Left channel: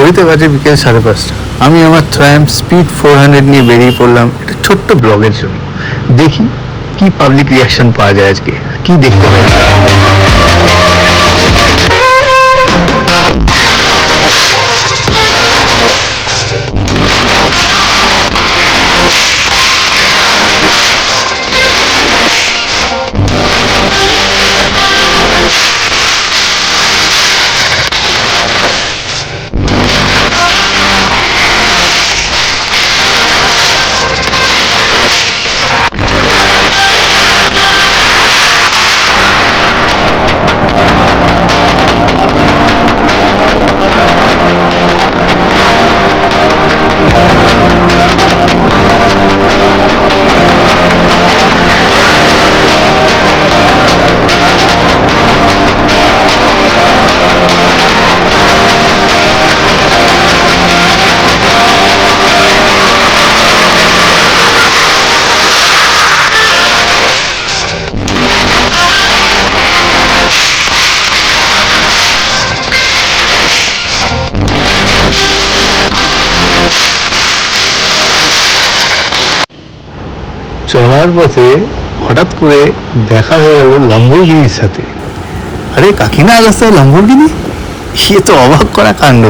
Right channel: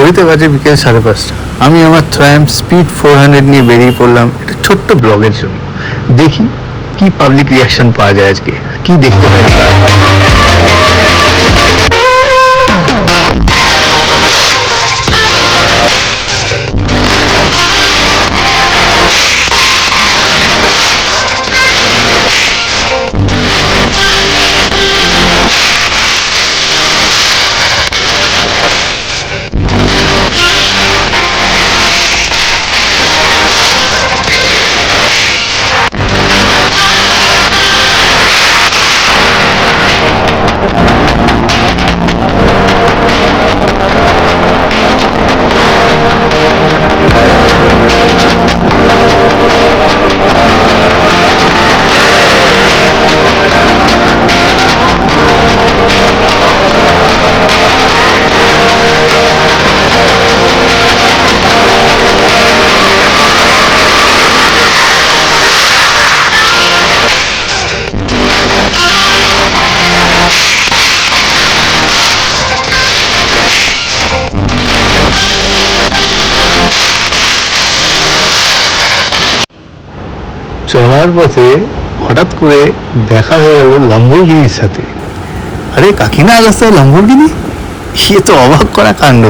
ঘড়িতে বাজে বিকেল 5:30। আমি আমার ট্রায়াম্ফ স্পিড 400 নিয়ে বেরিয়ে পড়লাম একটা ছোট্ট ব্লগের জন্য। দেখি কি পাবলিক রিয়াকশন পাওয়া যায়, আজকে কি দেখতে পাই। চলার পথে হঠাৎ করে দেখা হয়ে গেল ল্যাম্বরগিনির সাথে। আরে কাকিনা, রাস্তায় ল্যাম্বরগিনি, সে তো অবাক করা কাণ্ড।